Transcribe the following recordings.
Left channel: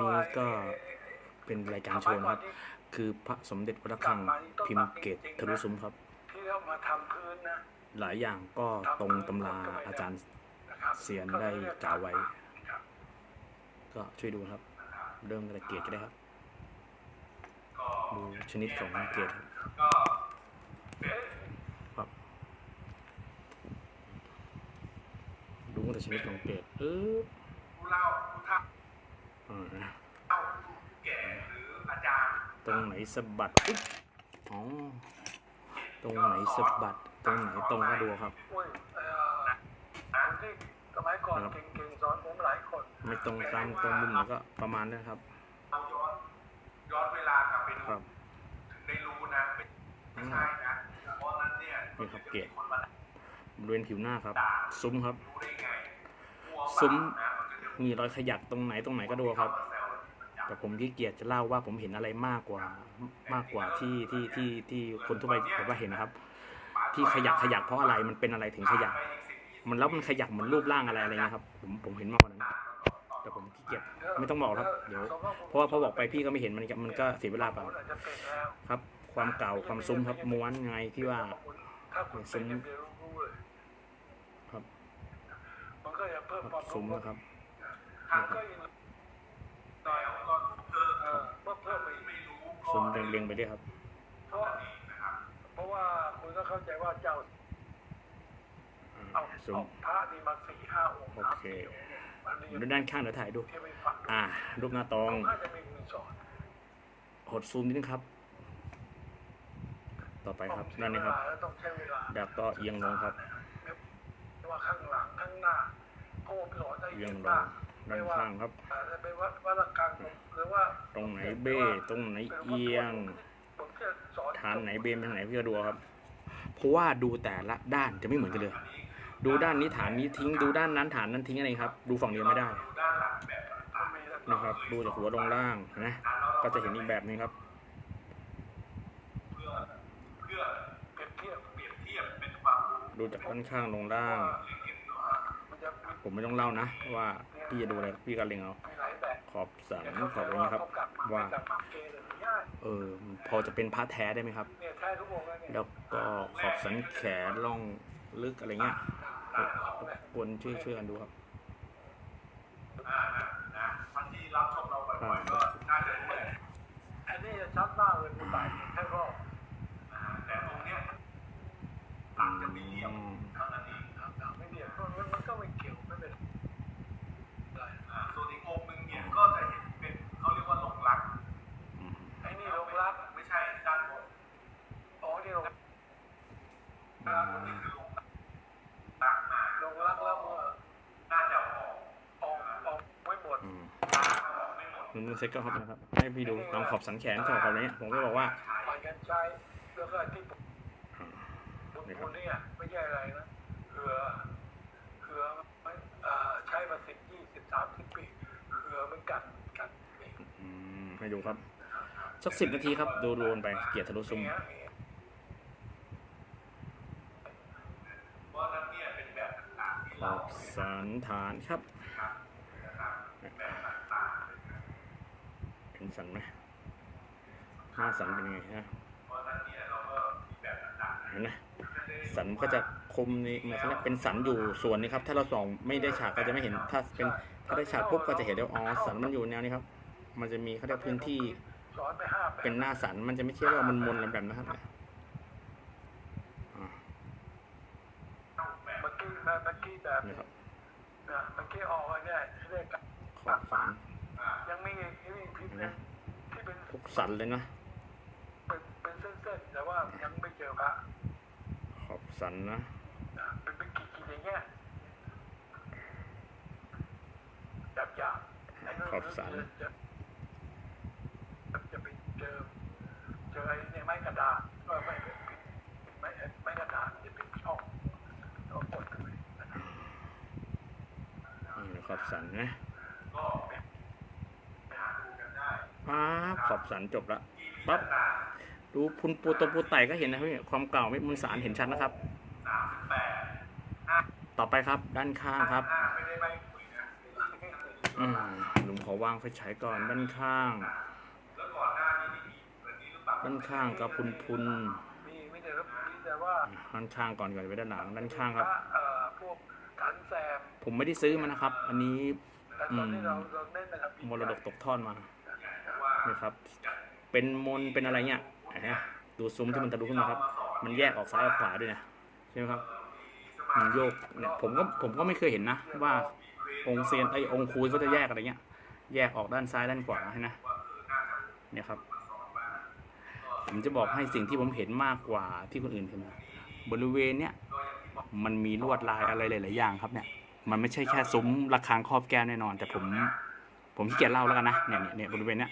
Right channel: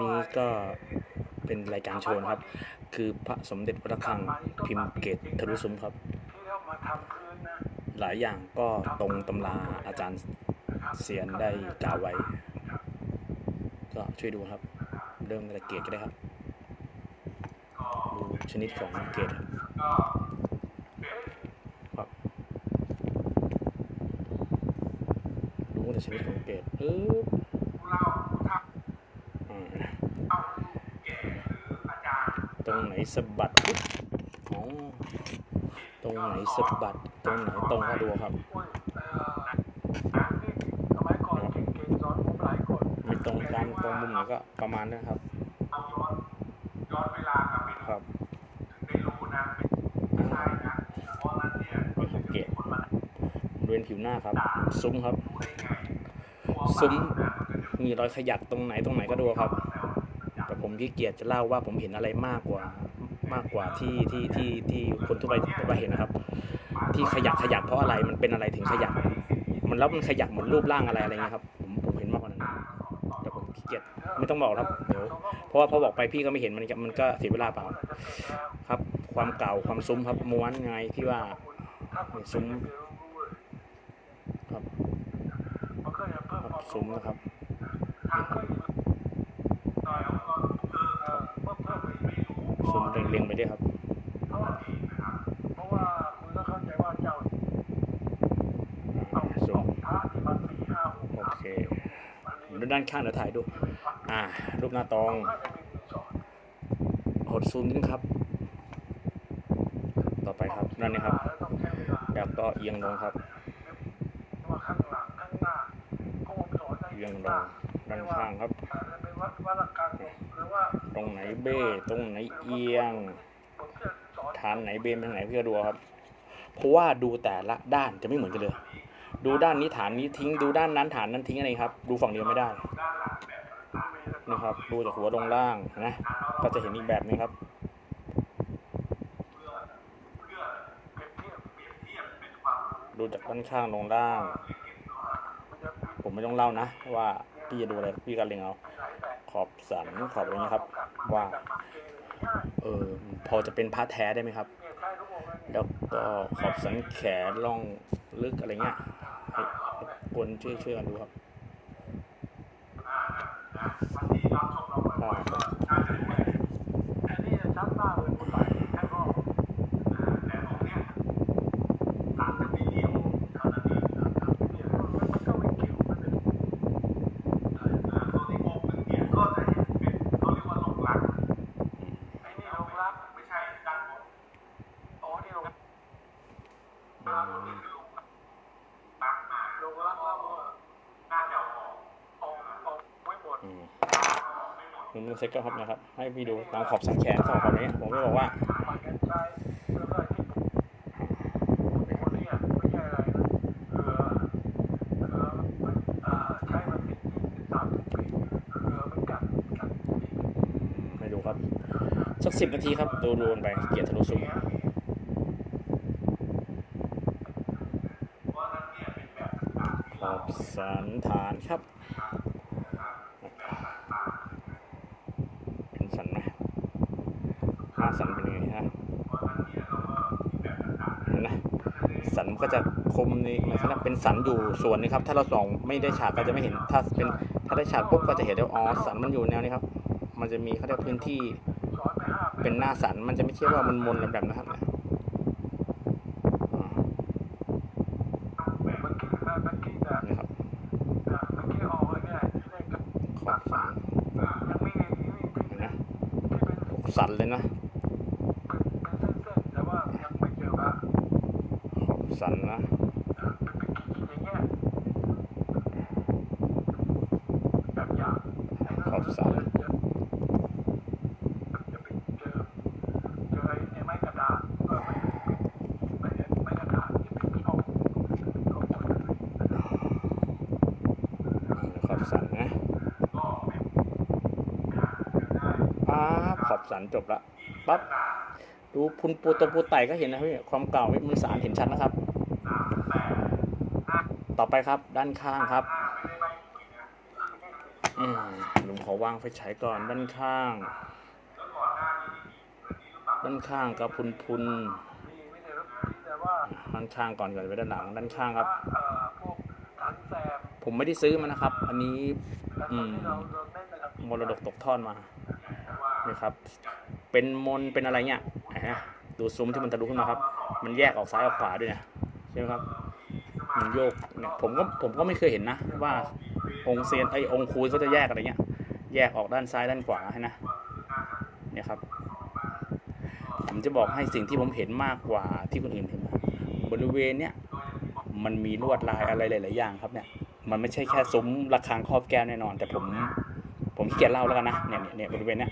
นี้ก็เป็นรายการโชว์นะครับ คือพระสมเด็จพระคังพิมพ์เกตทะลุซุ้มครับ หลายอย่างก็ตรงตำราอาจารย์เสียนได้กล่าวไว้ ก็ช่วยดูครับ เริ่มตั้งแต่เกตก็ได้ครับ ดูชนิดของเกตครับครับดูแต่ชนิดของเกตเออาต รงไหนสะบัดตรงไหนสะบัด ตรงไหนตรงก็ดูครับไม่ตรงตามตรงมุมไหนก็ประมาณนั้นครับครับได้รู้นะไม่ใช่นะเพราะฉะนั้นเนี่ยนี่ครับเกตบริเวณผิวหน้าครับ ซุ้มครับ ซุ้มมีรอยขยักตรงไหนตรงไหนก็ดูครับ ผมขี้เกียจจะเล่าว่าผมเห็นอะไรมากกว่ามากกว่าที่ที่ที่ที่คนทั่วไปแบบว่าเห็นนะครับ ที่ขยักขยักเพราะอะไรมันเป็นอะไรถึงขยักมันแล้วมันขยักเหมือนรูปร่างอะไรอะไรเงี้ยครับผมผมเห็นมากกว่านั้นแต่ผมขี้เกียจไม่ต้องบอกครับเดี๋ยวเพราะว่าพอบอกไปพี่ก็ไม่เห็นมันก็มันก็เสียเวลาเปล่าครับ ความเก่าความซุ้มครับม้วนไงที่ว่าซุ้มครับครับซุ้มนะครับ มันก็จะเอ่อเพิ่มเพิ่มไปอีกซุ้มเรียงๆไปด้วยครับเพราะเพราะว่าคุณต้องเข้าใจว่าเจ้าอ่าเอาซุ้อมอกพระนี่มาสี่ห้าองค์โอเคอันนี้ดูด้านข้างเดี๋ยวถ่ายดู อ่า รูปหน้าตรงน่าจะมีหนึ่งสองหดซูมนิดนึงครับ ต่อไปครับนั่นนี่ครับแล้วต้องใช้เวลาแล้วก็เอียงลงครับเพราะว่าข้างหลังข้างหน้าพระองค์สอนได้เอียงลงด้านข้างครับ ตรงไหนเบ้ ตรงไหนเอียง ฐานไหนเบนไปทางไหนพี่ก็ดูครับ เพราะว่าดูแต่ละด้านจะไม่เหมือนกันเลย ดูด้านนี้ฐานนี้ทิ้ง ดูด้านนั้นฐานนั้นทิ้งอะไรครับ ดูฝั่งเดียวไม่ได้ นะครับ ดูจากหัวลงล่างนะ ก็จะเห็นอีกแบบนี้ครับดูจากด้านข้างลงล่าง ผมไม่ต้องเล่านะ ว่าพี่จะดูอะไรพี่ก็เลงเอา ขอบสันขอบอะไรเงี้ยครับ ว่า เออพอจะเป็นพระแท้ได้ไหมครับ แล้วก็ขอบสันแขนล่องลึกอะไรเงี้ยคนช่วยช่วยกันดูครับอ่า อันนี้จะชัดมากเลยผมตัดแค่รอบเนี่ยมันมันต้องเป็นเกี่ยวมันเป็น ส่วนอีกองค์หนึ่งเนี่ยก็จะเห็นเป็นเขาเรียกว่าลงรัก อืม ไอ้นี่ลงรัก ไม่ใช่ด้านบน อ๋อนี่ลง อืม รักมา ลงรักแล้วเออ น่าจะออก ออกออกไม่หมด อืม นึงเซ็ตก็ครับนะครับ ให้พี่ดูตามขอบสันแขนขอบขอบอะไรเงี้ยผมก็บอกว่าผ่านการใช้แล้วก็ที่คนเนี่ยไม่ใช่อะไรนะเกลือเกลือมันเอ่อใช้มาสิบยี่สิบสามสิบปีเกลือมันกัดกัดอีกอืมให้ดูครับ สักสิบนาทีครับ ดูดูกันไปเกียรติทะลุซุ้มเพราะนั้นเนี่ยเป็นแบบขอบสันฐานครับ เป็นสันไหมหน้าสันเป็นยังไงฮะเห็นไหมสันมัน ก็จะคมในมันเขาเรียกเป็นสันอยู่ส่วนนี้ครับ ถ้าเราส่องไม่ได้ฉากก็จะไม่เห็นถ้าเป็นถ้าได้ฉากปุ๊บก็จะเห็นว่าอ๋อสันมันอยู่แนวนี้ครับ มันจะมีเขาเรียกพื้นที่สอนไปห้าปีเป็นหน้าสันมันจะไม่ใช่ว่ามันมนๆแบบนะครับอ่าเมื่อกี้เมื่อกี้แต่นี่ครับเมื่อกี้ออกมาเนี่ยเลขกับขอบสันยังไม่ไงที่นี่ที่เห็นไหมที่เป็นทุกสันเลยนะ เป็นเส้นๆแต่ว่ายังไม่เจอว่า ขอบสั นนะขอย่างเงี้ยหยาบๆไอ้นั่นขอบสันจะปเจอเจอไอ้เนี่ยไม้กระดาษเออไม้ไม้กระดาษจะเป็นช่องช่องขอบสันนะปั๊บขอบสันจบละปั๊บดูพุนปูตรงปูไต่ก็เห็นนะพี่ความเก่าม่มือสารเห็นชัดนะครับ ต่อไปครับด้านข้างครับหลุมขอวางไฟฉายก่อนด้านข้าง ด้านข้างกับพุนพุนด้านข้างก่อนก่อนไปด้านหลัง ด้านข้างครับ ผมไม่ได้ซื้อมันนะครับ อันนี้อมรดกตกทอดมานี่ครับ เป็นมนเป็นอะไรเนี่ยดูซุ้มที่มันทะลุขึ้นมาครับ มันแยกออกซ้ายออกขวาด้วยนี่ยใช่ไหมครับ มันโยกเนี่ยผมก็ผมก็ไม่เคยเห็นนะ ว่าองค์เซียนไอองค์คูยเขาจะแยกอะไรเงี้ย แยกออกด้านซ้ายด้านขวาให้นะเนี่ยครับ ผมจะบอกให้สิ่งที่ผมเห็นมากกว่าที่คนอื่นเห็นนะบริเวณเนี้ยมันมีลวดลายอะไรหลาย ๆ อย่างครับเนี่ย มันไม่ใช่แค่ซุ้มระฆังครอบแก้วแน่นอน แต่ผม ผมขี้เกียจเล่าแล้วกันนะเนี่ยเนี่ยเนี่ยบริเวณเนี้ย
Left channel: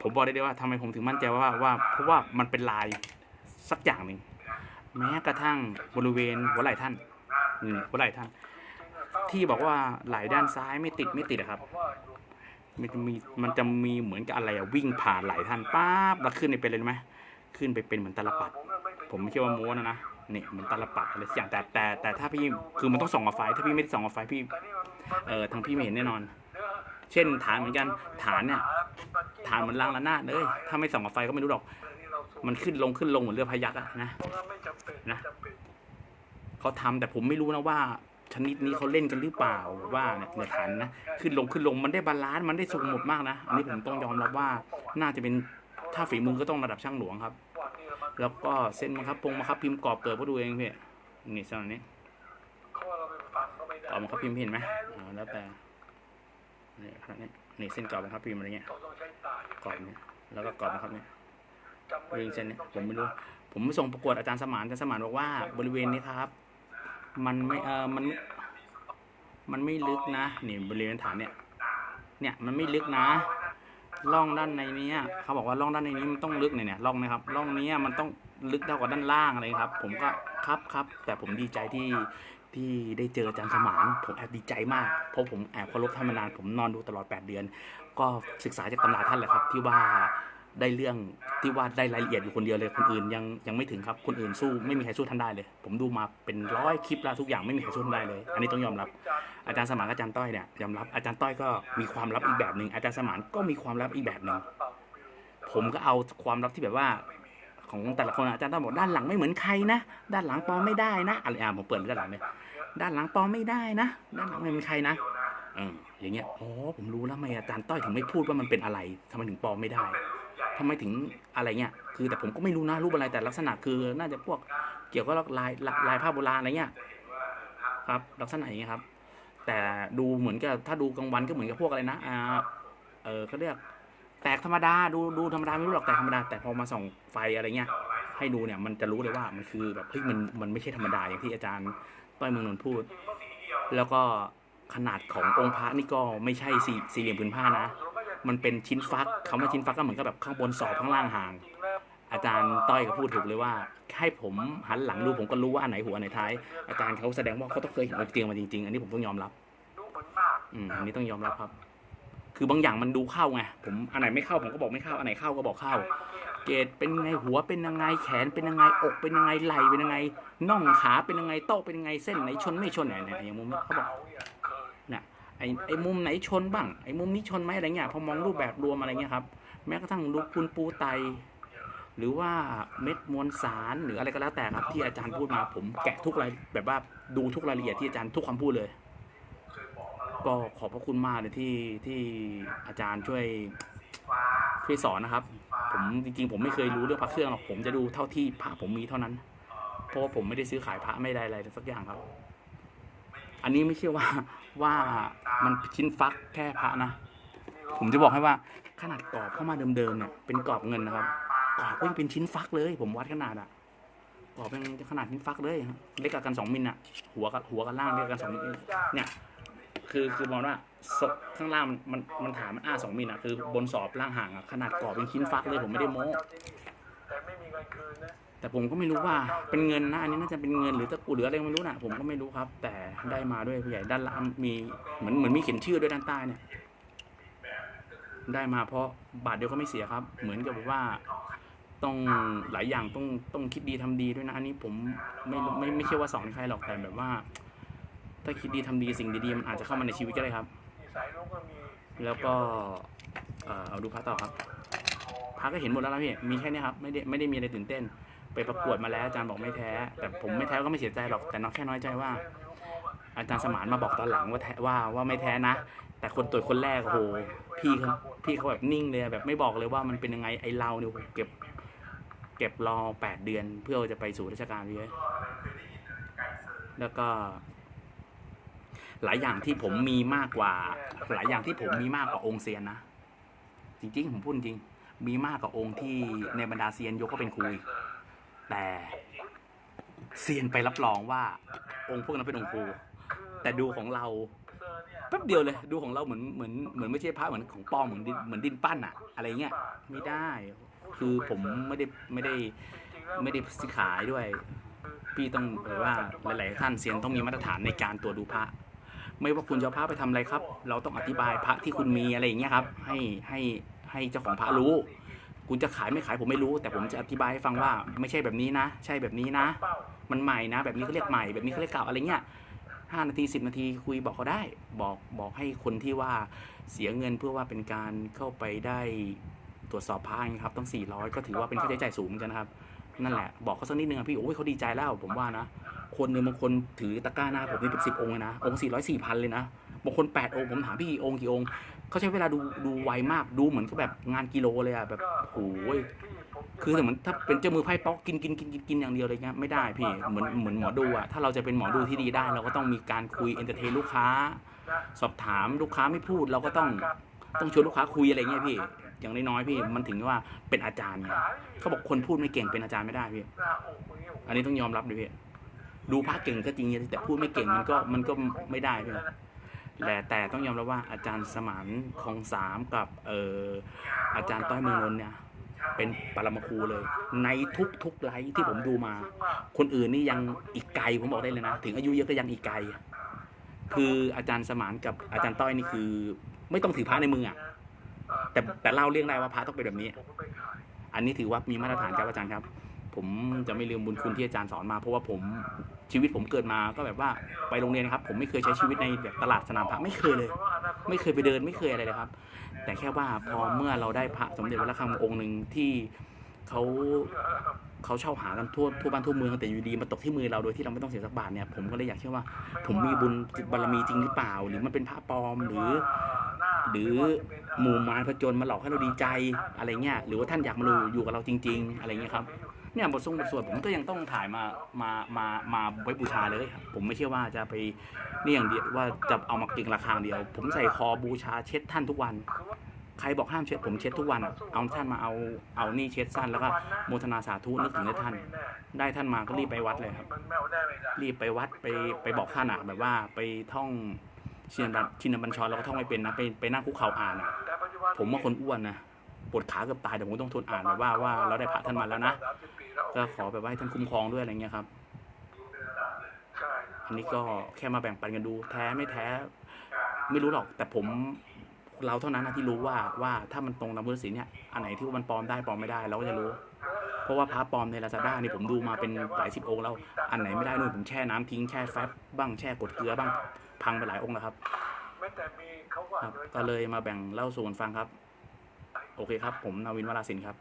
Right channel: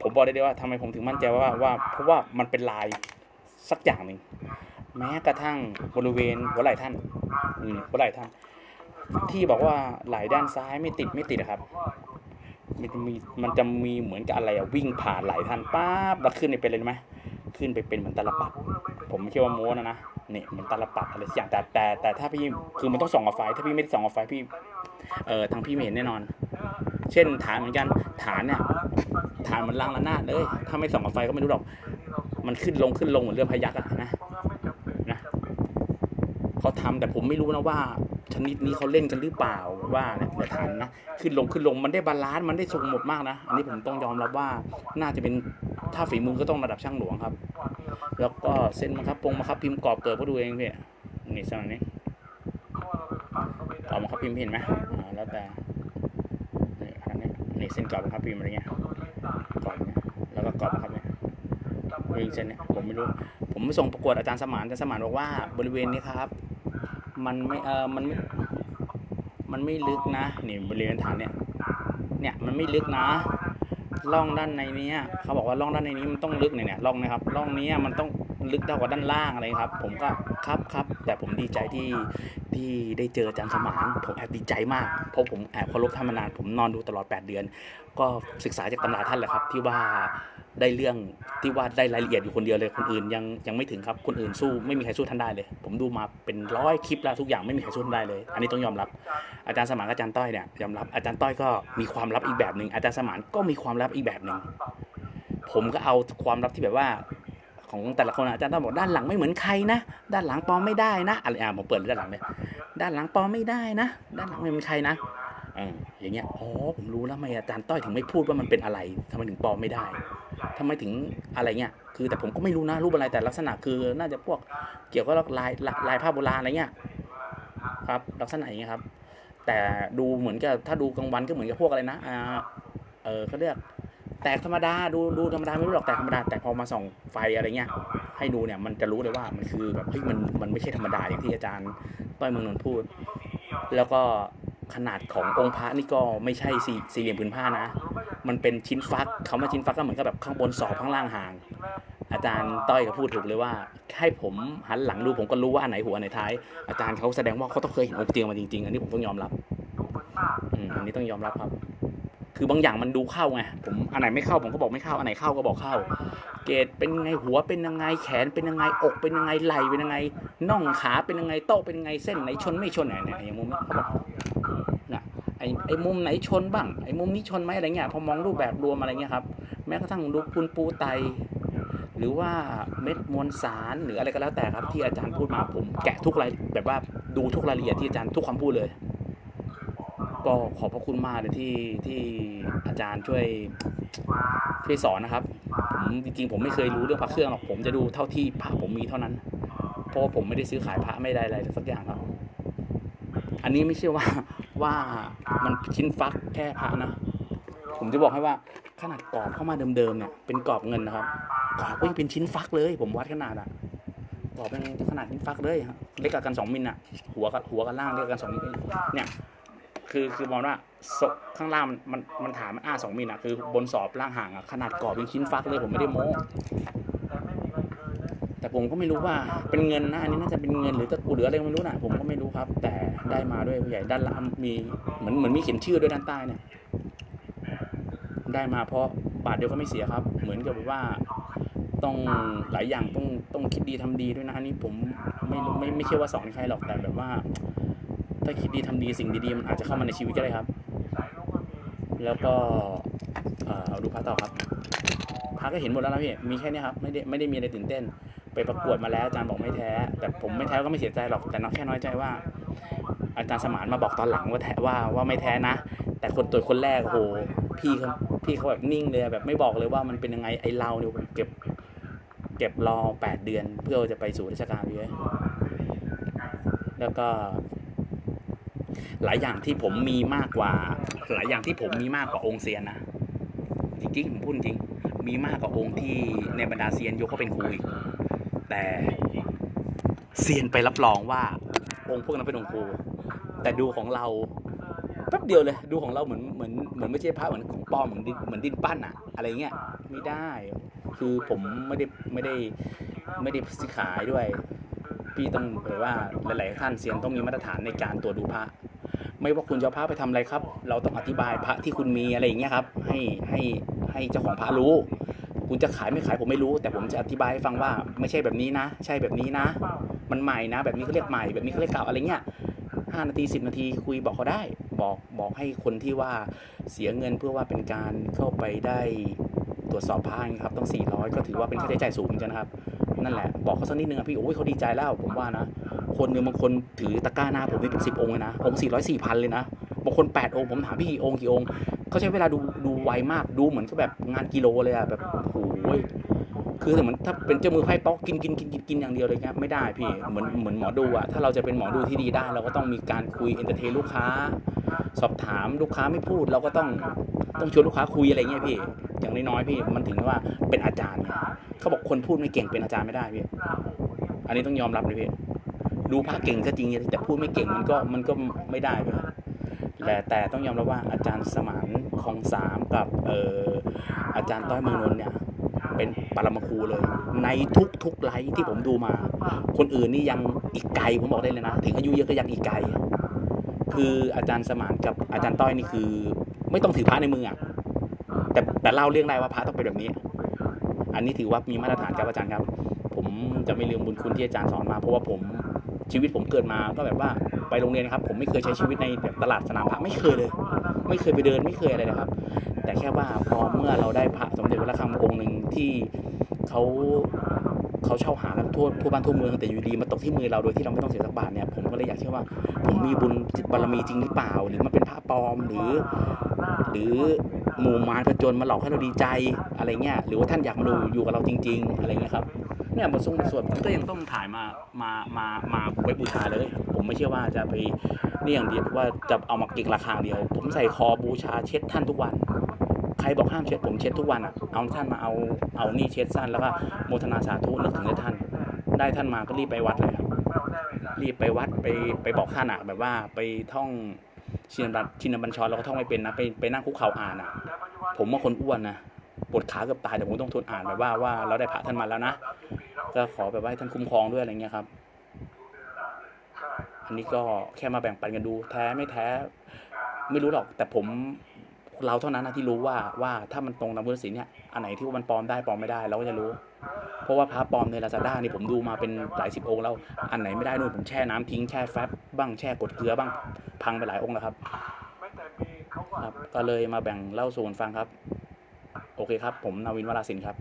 ผมบอกได้เลยว่าทำไมผมถึงมั่นใจว่าว่าเพราะว่ามันเป็นลายสักอย่างหนึ่ง แม้กระทั่งบริเวณหัวไหล่ท่านอืมหัวไหล่ท่าน ที่บอกว่าไหล่ด้านซ้ายไม่ติดไม่ติดอะครับ มันจะมีมันจะมีเหมือนกับอะไรอะวิ่งผ่านไหล่ท่านป๊าบแล้วขึ้นไปเป็นเลยไหมขึ้นไปเป็นเหมือนตาลปัด ผมไม่คิดว่าโม้นะนะเนี่ยเหมือนตาลปัดอะไรสักอย่างแต่แต่แต่ถ้าพี่คือมันต้องส่องกับไฟ ถ้าพี่ไม่ได้ส่องกับไฟพี่เอ่อทางพี่ไม่เห็นแน่นอน เช่นฐานเหมือนกันฐานเนี่ยฐานเหมือนรางระนาดเลย ถ้าไม่ส่องกับไฟก็ไม่รู้หรอก มันขึ้นลงขึ้นลงเหมือนเรือพายักอะนะนะเขาทำแต่ผมไม่รู้นะว่า ชนิดนี้เขาเล่นกันหรือเปล่าว่าเนี่ยในฐานนะขึ้นลงขึ้นลงมันได้บาลานซ์มันได้ทรงหมดมากนะอันนี้ผมต้องยอมรับว่าน่าจะเป็นถ้าฝีมือก็ต้องระดับช่างหลวงครับ แล้วก็เส้นบังคับปงบังคับพิมพ์กรอบเกิดก็ดูเองพี่นี่เส้นอันนี้กรอบบังคับพิมพ์เห็นไหมอ่าแล้วแต่นี่อันนี้นี่เส้นกรอบบังคับพิมพ์อะไรเงี้ยกรอบเนี่ยแล้วก็กรอบบังคับเนี่ย วิ่งเส้นเนี่ยผมไม่รู้ ผมไปส่งประกวดอาจารย์สมานอาจารย์สมานบอกว่าบริเวณนี้ครับ มันไม่เออมันไม่มันไม่ลึกนะนี่บริเวณฐานเนี่ยเนี่ยมันไม่ลึกนะร่องด้านในนี้เขาบอกว่าร่องด้านในนี้มันต้องลึกเนี่ยเนี่ยร่องนะครับร่องนี้มันต้องลึกเท่ากับด้านล่างอะไรครับ ผมก็ครับครับแต่ผมดีใจที่ที่ได้เจออาจารย์สมานผมแอบดีใจมากเพราะผมแอบเคารพท่านมานานผมนอนดูตลอด 8 เดือน ก็ศึกษาจากตำราท่านแหละครับที่ว่า ได้เรื่องที่ว่าได้รายละเอียดอยู่คนเดียวเลยคนอื่นยังยังไม่ถึงครับคนอื่นสู้ไม่มีใครสู้ท่านได้เลย ผมดูมาเป็นร้อยคลิปแล้วทุกอย่างไม่มีใครสู้ท่านได้เลย อันนี้ต้องยอมรับ อาจารย์สมานกับอาจารย์ต้อยเนี่ยยอมรับอาจารย์ต้อยก็มีความลับอีกแบบหนึ่งอาจารย์สมานก็มีความลับอีกแบบหนึ่งผมก็เอาความลับที่แบบว่าของแต่ละคนอาจารย์ต้อยบอกด้านหลังไม่เหมือนใครนะ ด้านหลังปลอมไม่ได้นะอะไรอะผมเปิดด้านหลังเลยด้านหลังปลอมไม่ได้นะ ด้านหลังไม่เหมือนใครนะ เอออย่างเงี้ยอ๋อผมรู้แล้วทำไมอาจารย์ต้อยถึงไม่พูดว่ามันเป็นอะไรทำไมถึงปลอมไม่ได้ทำไมถึงอะไรเงี้ยคือแต่ผมก็ไม่รู้นะรูปอะไรแต่ลักษณะคือน่าจะพวกเกี่ยวกับลายลายลายผ้าโบราณอะไรเงี้ยครับ ลักษณะอย่างเงี้ยครับ แต่ดูเหมือนกับถ้าดูกลางวันก็เหมือนกับพวกอะไรนะอ่าเออเขาเรียกแตกธรรมดาดูดูธรรมดาไม่รู้หรอกแตกธรรมดาแต่พอมาส่องไฟอะไรเงี้ยให้ดูเนี่ยมันจะรู้เลยว่ามันคือแบบเฮ้ยมันมันไม่ใช่ธรรมดาอย่างที่อาจารย์ต้อยเมืองนนท์พูด แล้วก็ ขนาดขององค์พระนี่ก็ไม่ใช่สี่สี่เหลี่ยมผืนผ้านะ มันเป็นชิ้นฟักคำว่าชิ้นฟักก็เหมือนกับแบบข้างบนสอบข้างล่างห่าง อาจารย์ต้อยก็พูดถูกเลยว่าให้ผมหันหลังดูผมก็รู้ว่าอันไหนหัวอันไหนท้าย อาจารย์เขาแสดงว่าเขาต้องเคยเห็นองค์เตียงมาจริงๆ อันนี้ผมต้องยอมรับ อืมอันนี้ต้องยอมรับครับ คือบางอย่างมันดูเข้าไง ผมอันไหนไม่เข้าผมก็บอกไม่เข้า อันไหนเข้าก็บอกเข้า เกรดเป็นไงหัวเป็นยังไงแขนเป็นยังไงอกเป็นยังไงไหล่เป็นยังไงน่องขาเป็นยังไงโต๊ะเป็นยังไงเส้นไหนชนไม่ชนไหนเนี่ยอย่างมุมนี้เขาบอก น่ะไอไอมุมไหนชนบ้างไอมุมนี้ชนไหมอะไรเงี้ยพอมองรูปแบบรวมอะไรเงี้ยครับแม้กระทั่งดูปูนปูไต หรือว่าเม็ดมวลสารหรืออะไรก็แล้วแต่ครับที่อาจารย์พูดมาผมแกะทุกรายแบบว่าดูทุกรายละเอียดที่อาจารย์ทุกคำพูดเลย ก็ขอบพระคุณมากเลยที่ที่อาจารย์ช่วยช่วยสอนนะครับ ผมจริงๆ ผมไม่เคยรู้เรื่องพระเครื่องหรอกผมจะดูเท่าที่พระผมมีเท่านั้น เพราะว่าผมไม่ได้ซื้อขายพระไม่ได้อะไรสักอย่างครับ อันนี้ไม่ใช่ว่าว่ามันชิ้นฟักแค่พระนะผมจะบอกให้ว่าขนาดกรอบเข้ามาเดิมๆเนี่ยเป็นกรอบเงินนะครับกรอบก็ยังเป็นชิ้นฟักเลย ผมวัดขนาดอะกรอบเป็นขนาดชิ้นฟักเลยเล็กกว่ากันสองมิลอะหัวกับหัวกับล่างเล็กกว่ากันสองมิลเนี่ยคือคือมองว่าศพข้างล่างมันมันมันฐานมันอ้าสองมิลอะคือบนสอบล่างห่างอะขนาดกรอบเป็นชิ้นฟักเลยผมไม่ได้โม้ แต่ผมก็ไม่รู้ว่าเป็นเงินนะอันนี้น่าจะเป็นเงินหรือตะกุหรืออะไรไม่รู้นะผมก็ไม่รู้ครับ แต่ได้มาด้วยผู้ใหญ่ด้านล่างมีเหมือนเหมือนมีเขียนชื่อด้วยด้านใต้เนี่ย ได้มาเพราะบาทเดียวก็ไม่เสียครับ เหมือนกับว่าต้องหลายอย่างต้องต้องคิดดีทำดีด้วยนะอันนี้ผมไม่ไม่ไม่ใช่ว่าสอนใครหรอกแต่แบบว่า ถ้าคิดดีทำดีสิ่งดีๆมันอาจจะเข้ามาในชีวิตก็ได้ครับ แล้วก็เอ่อเอาดูพระต่อครับพระก็เห็นหมดแล้วนะพี่มีแค่นี้ครับไม่ได้ไม่ได้มีอะไรตื่นเต้น ไปประกวดมาแล้วอาจารย์บอกไม่แท้ แต่ผมไม่แท้ก็ไม่เสียใจหรอกแต่น้องแค่น้อยใจว่า อาจารย์สมานมาบอกตอนหลังว่าแท้ว่าว่าไม่แท้นะ แต่คนตรวจคนแรกโอ้โหพี่เขาพี่เขาแบบนิ่งเลยแบบไม่บอกเลยว่ามันเป็นยังไงไอเราเนี่ยเก็บเก็บรอแปดเดือน เพื่อจะไปสู่ราชการพี่เอ้ยแล้วก็ หลายอย่างที่ผมมีมากกว่า หลายอย่างที่ผมมีมากกว่าองค์เซียนนะจริงๆผมพูดจริง มีมากกว่าองค์ที่ในบรรดาเซียนยกเขาเป็นครูอีก แต่เซียนไปรับรองว่า องค์พวกนั้นเป็นองค์ครูแต่ดูของเราแป๊บเดียวเลยดูของเราเหมือนเหมือนเหมือนไม่ใช่พระเหมือนของปลอมเหมือนดินเหมือนดินปั้นอะอะไรเงี้ยไม่ได้ คือผมไม่ได้ไม่ได้ไม่ได้ซื้อขายด้วย พี่ต้องแบบว่าหลาย ๆ ท่านเซียนต้องมีมาตรฐานในการตรวจดูพระ ไม่ว่าคุณจะพระไปทำอะไรครับ เราต้องอธิบายพระที่คุณมีอะไรอย่างเงี้ยครับ ให้ให้ให้เจ้าของพระรู้ คุณจะขายไม่ขายผมไม่รู้ แต่ผมจะอธิบายให้ฟังว่าไม่ใช่แบบนี้นะ ใช่แบบนี้นะ มันใหม่นะ แบบนี้เขาเรียกใหม่แบบนี้เขาเรียกเก่าอะไรเงี้ยห้านาทีสิบนาทีคุยบอกเขาได้ บอกบอกให้คนที่ว่าเสียเงินเพื่อว่าเป็นการเข้าไปได้ตรวจสอบพระครับต้อง 400 ก็ถือว่าเป็นค่าใช้จ่ายสูงกันนะครับ นั่นแหละ บอกเขาสักนิดนึงอะพี่โอ้ยเขาดีใจแล้วผมว่านะ คนหนึ่งบางคนถือตะกร้าหน้าผมนี่เป็นสิบองค์เลยนะ องค์สี่ร้อยสี่พันเลยนะ บางคนแปดองค์ผมถามพี่กี่องค์กี่องค์ เขาใช้เวลาดูดูไวมากดูเหมือนกับแบบงานกิโลเลยอะแบบโอ้ยคือเหมือนถ้าเป็นเจ้ามือไพ่ป๊อกกินกินกินกินกินอย่างเดียวเลยเงี้ยไม่ได้พี่เหมือนเหมือนหมอดูอะถ้าเราจะเป็นหมอดูที่ดีได้ เราก็ต้องมีการคุยเอนเตอร์เทนลูกค้า สอบถามลูกค้าไม่พูด เราก็ต้องต้องชวนลูกค้าคุยอะไรเงี้ยพี่อย่างน้อยๆพี่มันถึงว่าเป็นอาจารย์ไงเขาบอกคนพูดไม่เก่งเป็นอาจารย์ไม่ได้พี่อันนี้ต้องยอมรับเลยพี่ดูพระเก่งก็จริงแต่พูดไม่เก่งมันก็มันก็ไม่ได้พี่ แต่แต่ต้องยอมรับว่าอาจารย์สมานคองสามกับเอ่ออาจารย์ต้อยเมืองนนท์เนี่ยเป็นปรมาครูเลย ในทุกทุกไลฟ์ที่ผมดูมา คนอื่นนี่ยังอีกไกลผมบอกได้เลยนะ ถึงอายุเยอะก็ยังอีกไกล คืออาจารย์สมานกับอาจารย์ต้อยนี่คือ ไม่ต้องถือพระในมืออะแต่แต่เล่าเรื่องได้ว่าพระต้องเป็นแบบนี้ อันนี้ถือว่ามีมาตรฐานครับอาจารย์ครับ ผมจะไม่ลืมบุญคุณที่อาจารย์สอนมาเพราะว่าผม ชีวิตผมเกิดมาก็แบบว่าไปโรงเรียนนะครับ ผมไม่เคยใช้ชีวิตในแบบตลาดสนามพระไม่เคยเลย ไม่เคยไปเดินไม่เคยอะไรเลยครับ แต่แค่ว่าพอเมื่อเราได้พระสมเด็จวัดระฆังองค์หนึ่งที่เขาเขาเช่าหากันทั่วทั่วบ้านทั่วเมืองแต่อยู่ดีมาตกที่มือเราโดยที่เราไม่ต้องเสียสักบาทเนี่ยผมก็เลยอยากเชื่อว่า ผมมีบุญจิตบารมีจริงหรือเปล่า หรือมันเป็นพระปลอมหรือ หรือหมู่มารผจญมาหลอกให้เราดีใจอะไรเงี้ยหรือว่าท่านอยากมาดูอยู่กับเราจริง ๆ อะไรเงี้ยครับ เนี่ยบททรงบทสวดผมก็ยังต้องถ่ายมามามามาไว้บูชาเลยครับผมไม่เชื่อว่าจะไปนี่อย่างเดียวว่าจะเอามาเก็งราคาอย่างเดียว ผมใส่คอบูชาเช็ดท่านทุกวัน ใครบอกห้ามเช็ดผมเช็ดทุกวันอะเอาท่านมาเอาเอานี่เช็ดสั้นแล้วก็โมทนาสาธุนึกถึงท่าน ได้ท่านมาก็รีบไปวัดเลยครับรีบไปวัดไปไปบอกท่านอะแบบว่าไปท่องชินบัญชินบัญชรเราก็ท่องไม่เป็นนะไปไปนั่งคุกเข่าอ่านอะผมว่าคนอ้วนนะปวดขาเกือบตายแต่ผมต้องทนอ่านแบบว่าว่าเราได้พระท่านมาแล้วนะ ก็ขอแบบว่าให้ท่านคุ้มครองด้วยอะไรเงี้ยครับ อันนี้ก็แค่มาแบ่งปันกันดู แท้ไม่แท้ ไม่รู้หรอก แต่ผมเราเท่านั้นนะที่รู้ว่าว่าถ้ามันตรงตามพุทธศีลเนี่ยอันไหนที่ว่ามันปลอมได้ปลอมไม่ได้เราก็จะรู้ เพราะว่าพระปลอมในลาซาด้านี่ผมดูมาเป็นหลายสิบองค์แล้วอันไหนไม่ได้นู่นผมแช่น้ำทิ้งแช่แฟบบ้างแช่กดเกลือบ้างพังไปหลายองค์แล้วครับครับ ก็เลยมาแบ่งเล่าสู่กันฟังครับ โอเคครับ ผมนาวินวราสินครับ